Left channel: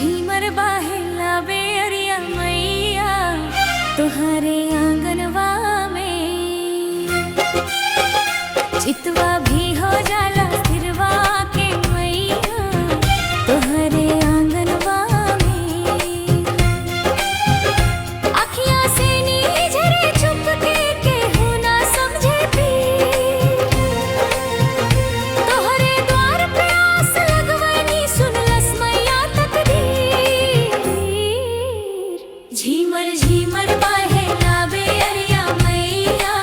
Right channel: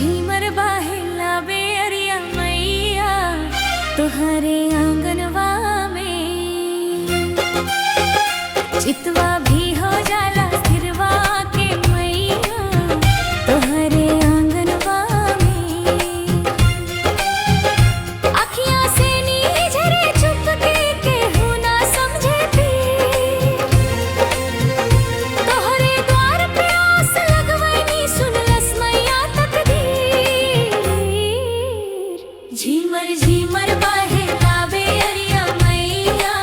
झीमर बाहेला बेअरिया मैया तोहरे आंगनवा में। चितवा भी हो जाला स्थिरवा के मैया तोहरे आंगनवा में। अखियां से नीझरे चुपके के हूँ ना समझे पीर। तोहरे द्वार पे आस लगवनी सुनलस मैया तकदीर। झीमर झीमर बाहेला बेअरिया मैया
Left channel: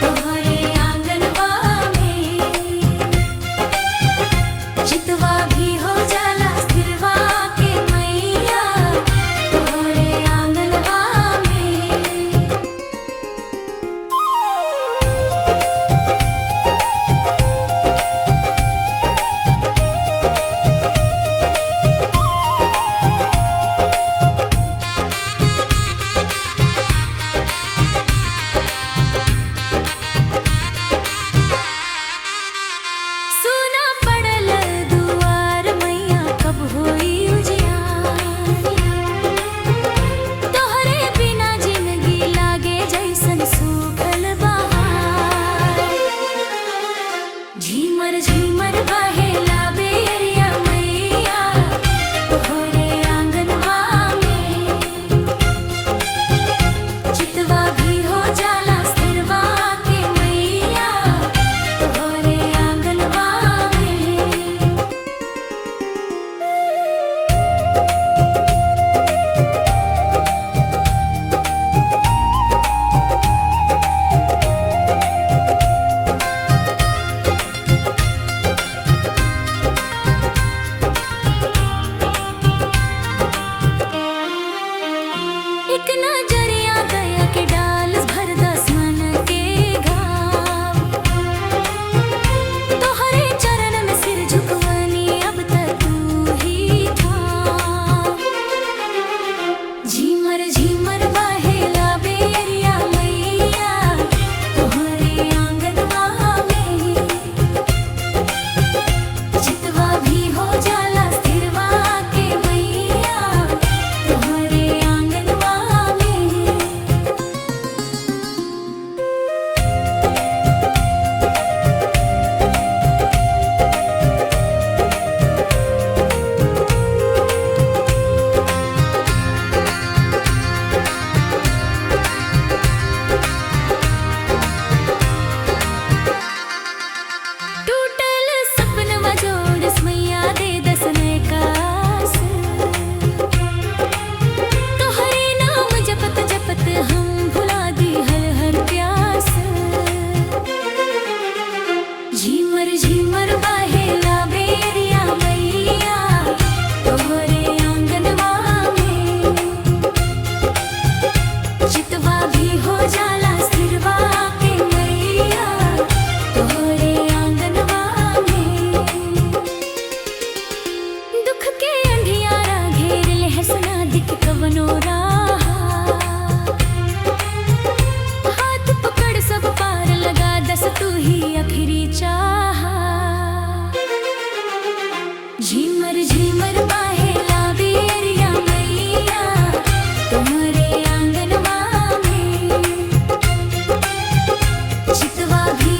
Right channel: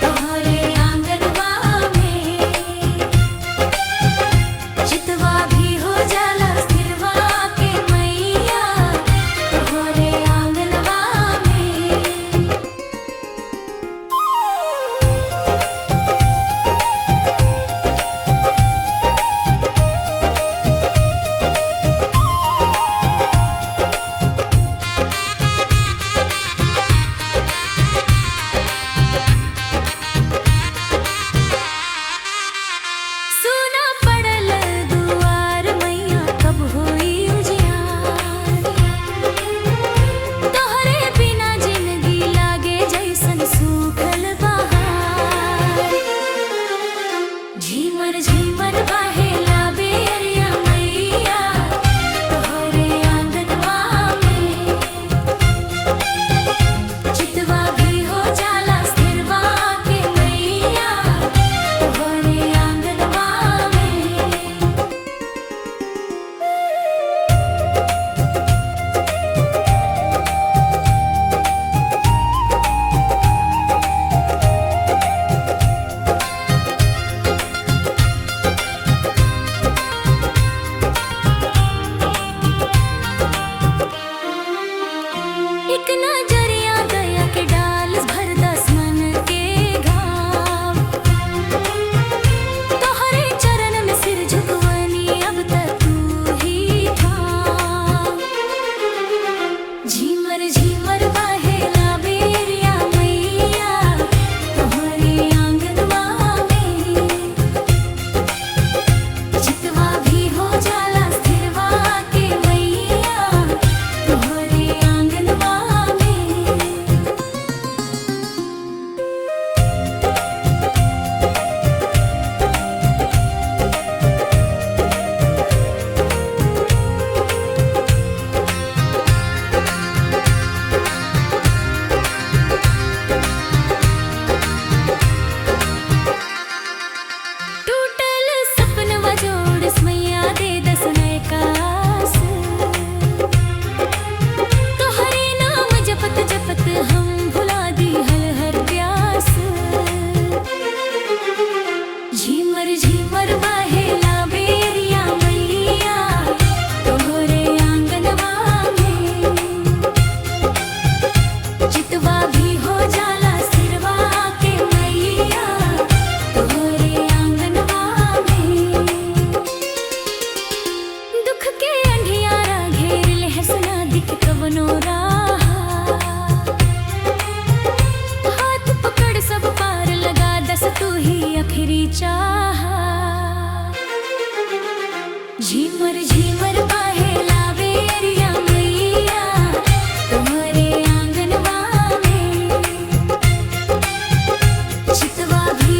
तोहरे आंगनवा में। चितवा भी हो जाला स्थिरवा के मैया तोहरे आंगनवा में। सुना पड़ल दुआर मैया कब होई उजियार। तोहरे बिना जिंदगी लागे जैसन सूखल बहार। झीमर झीमर बाहेला बेअरिया मैया तोहरे आंगनवा में। चितवा भी हो जाला स्थिरवा के मैया तोहरे आंगनवा में। एक नजरिया दया के डाल भर दस मन के घाव। तोहरे चरण में सिर झुकवनी अब तक तू ही थाम। झीमर झीमर बाहेला बेअरिया मैया तोहरे आंगनवा में। चितवा भी हो जाला स्थिरवा के मैया तोहरे आंगनवा में। टूटल सपनवा जोड़स मैया दे दस नए कास। तोहरे नाम जपत जपत हम भुला दी हर प्यास। झीमर झीमर बाहेला बेअरिया मैया तोहरे आंगनवा में। चितवा भी हो जाला स्थिरवा के मैया तोहरे आंगनवा में। दुख के अंधियारा घेर ले हंसना दिख कवनो राह। हाथ पकड़ सब पार लगा दस तू ही आखिरी चाह। झीमर झीमर बाहेला बेअरिया मैया तोहरे आंगनवा में। चितवा भी